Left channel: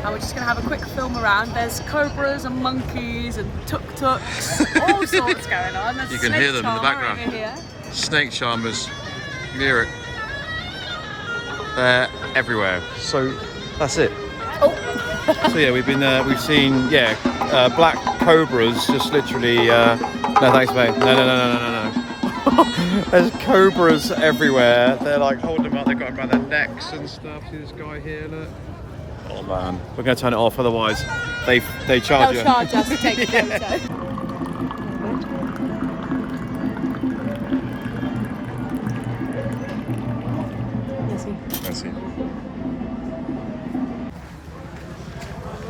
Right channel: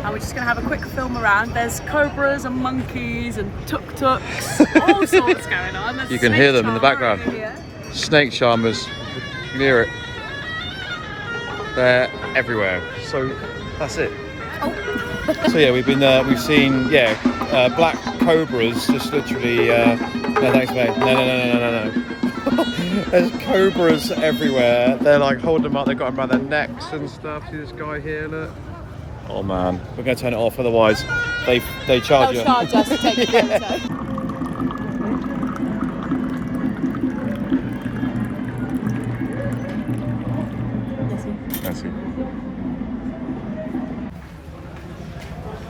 And we're just going to have a quick film around. There's cobras and monkeys and tuk-tuks, all sorts going on. There's you can hear them in the background. Snake charmers, you can hear it. They're everywhere. So that's it. Oh. So yeah, we've seen black cobras just literally. No thanks, mate. No. There's cobras everywhere. They're like holding them up. They've got them around their necks and stuff. See this guy here? Look. Oh man, we're going to turn it off. Otherwise, they charge you. They'll charge us to take a photo. Merci.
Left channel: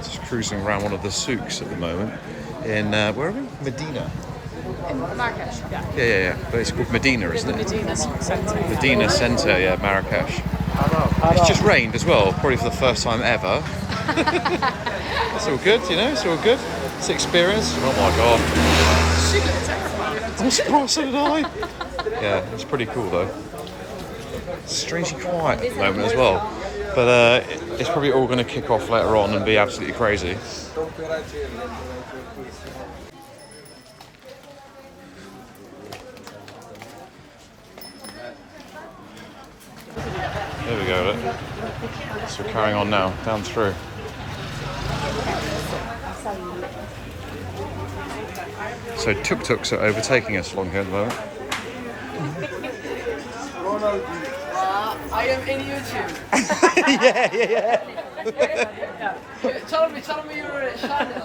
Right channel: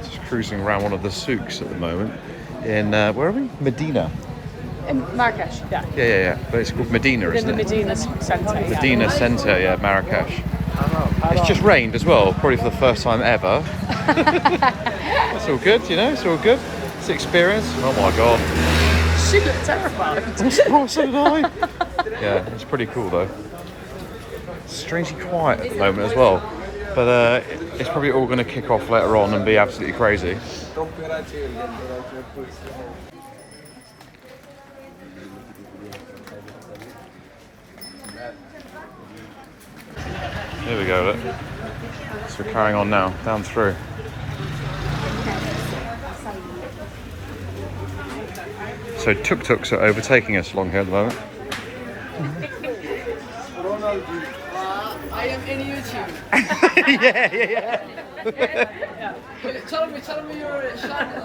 Just cruising around one of the souks at the moment. In where are we? Medina. In Marrakesh, yeah. Yeah. But it's called Medina, isn't it? Medina Centre. Medina Centre, yeah, Marrakesh. It's just rained as well, probably for the first time ever. That's all good, you know, it's all good. It's experience. Oh my god. She looked terrified. I'm surprised, so did I. Yeah, it's pretty cool though. It's strangely quiet at the moment as well. But it's probably all going to kick off later on and be absolutely crazy. There we go, look. So we're carrying on now, down through. So tuk-tuks are overtaking us along here at the moment. I am in YouTube. yeah. Tell me your channel.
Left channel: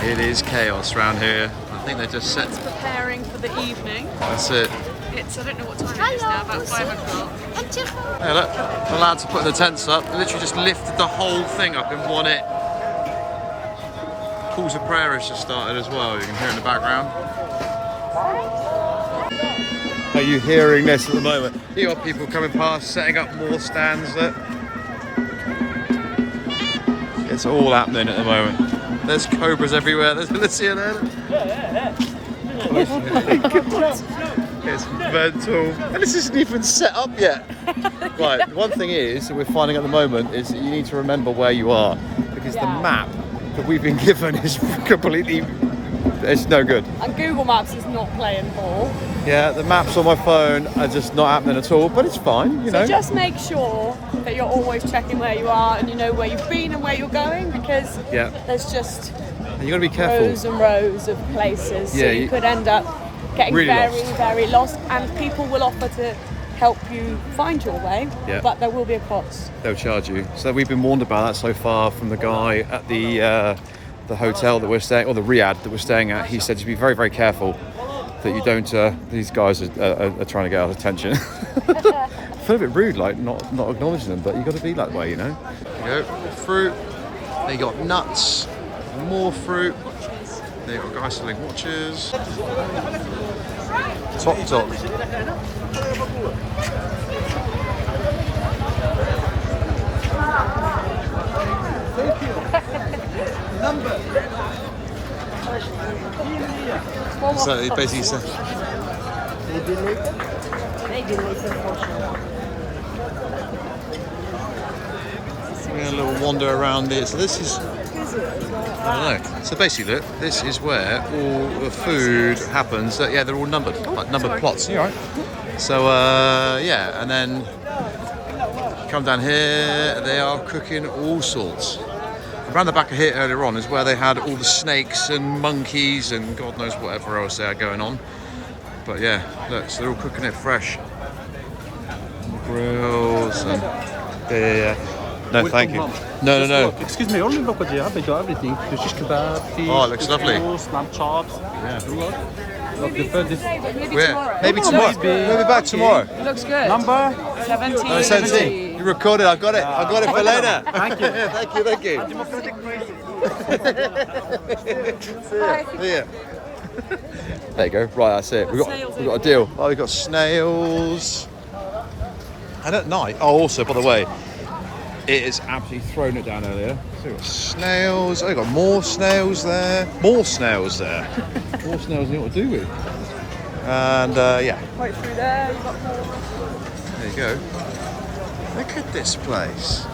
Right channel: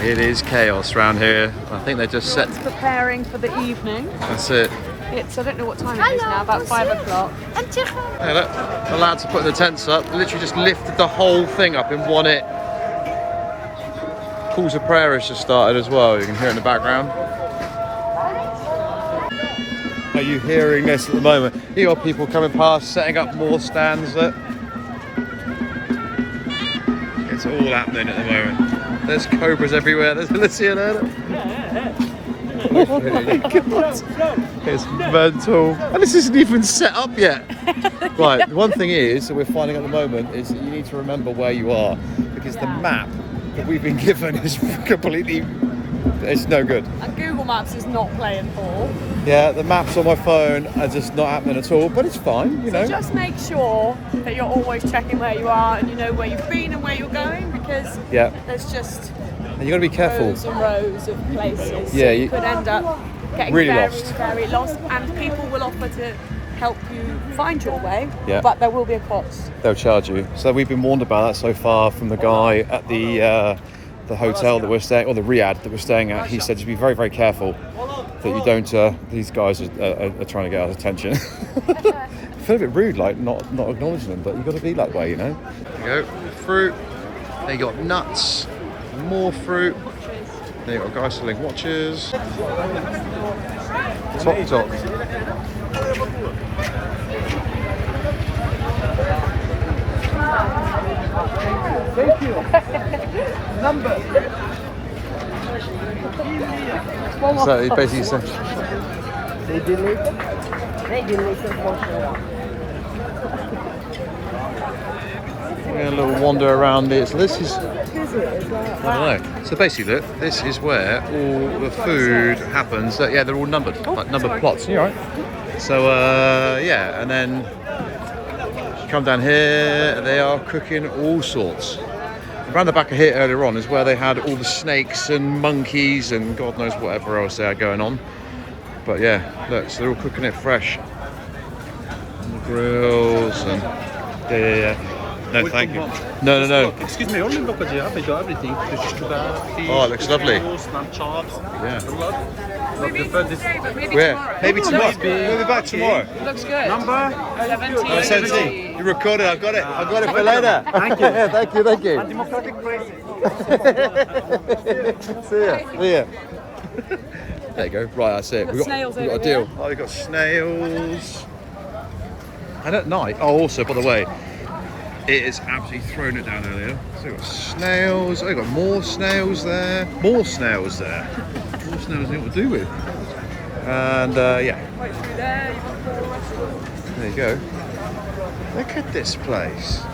It is chaos around here. I think they're just set. It's preparing for the evening. That's it. It's, I don't know what time it is now, about 5 o'clock. Hey, look, the lads are putting the tents up. They literally just lifted the whole thing up in one hit. Calls of prayer has just started as well. You can hear it in the background. Are you hearing this at the moment? You got people coming past, setting up more stands. Look. It's all happening at the moment. There's cobras everywhere. There's Alicia there. Oh my god. It's mental. And this isn't even set up yet. Right, the one thing is that we're finding at the moment is that you need to remember where you are, because the map that we've been given is completely, it's no good. And Google Maps is not playing ball. Yeah, the maps on my phone are just not happening at all, but it's fine, you know. So just make sure that you're always checking where you are and you know where you've been and where you're going, because there's just and you got to be careful. Rows and rows of places. Yeah, so you could end up getting really very lost, and people will offer to help you find your way, but there will be a cost. They'll charge you. So we've been warned about that so far from the guy at the hotel that we're staying, or the riad that we're staying at. He said to be very, very careful that you don't. These guys are trying to get our attention. I feel a bit rude, like not acknowledging them, but you've got to be that way, you know. There you go, fruit. They got nuts, more fruit. There you got guys selling watches. Tok tok. Thank you. So he basically said. We're going a little wander around it. So this is, I don't know. So basically, look, this is where all the food happens. They're all numbered, like numbered plots. You all right? So and then you come down here. They are cooking all sorts. Around the back of here earlier on is where they had all the snakes and monkeys and God knows whatever else they had going on. But yeah, look, so they're all cooking it fresh. Grills and No, thank you. No, no, no. Excuse me, only look at the they got everything. There's just kebab, fish, Oh, it looks lovely. lamb chops. Yeah. Maybe it's not today, but maybe Where? tomorrow. Maybe tomorrow. We'll be back tomorrow. It looks good. Number? 17. 17. You recorded. I got it. I got it for later. Thank you. Thank you. Thank you. See ya. See ya. There you go. Right, that's it. We've got a deal. Oh, we've got snails. And at night, oh, also, by the way, it is absolutely thrown it down earlier. So we've got snails. Oh, we've got more snails there. More snails there. More snails you know what to do with. And, yeah. Wait, through there, you've got more restaurants. There you go. Look at this place.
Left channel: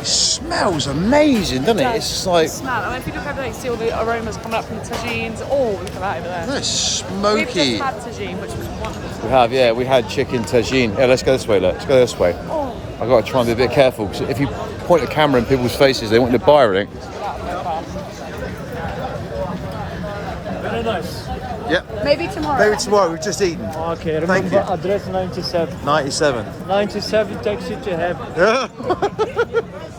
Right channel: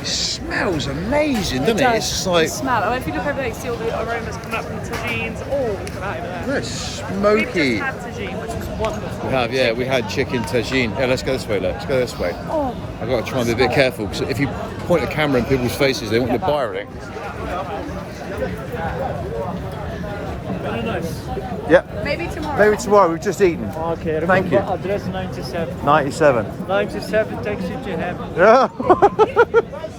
It smells amazing, doesn't it? It's just like... Smell. I mean, if you look over there, you see all the aromas coming up from the tagines. Oh, look at that over there. Look, it's smoky. We just had tagine, which was wonderful. We have, yeah, we had chicken tagine. Yeah, let's go this way, let's go this way. Oh. I've got to try and be a bit careful, because if you point the camera in people's faces, they want to buy everything. Very nice. Yeah. Maybe tomorrow. Maybe tomorrow, we've just eaten. Okay, Thank you. Address 97. 97. 97 takes you to heaven. Yeah.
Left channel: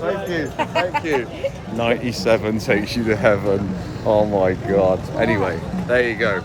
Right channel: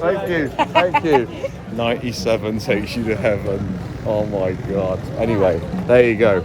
Thank you, thank you. 97 takes you to heaven. Oh my God. Anyway, there you go.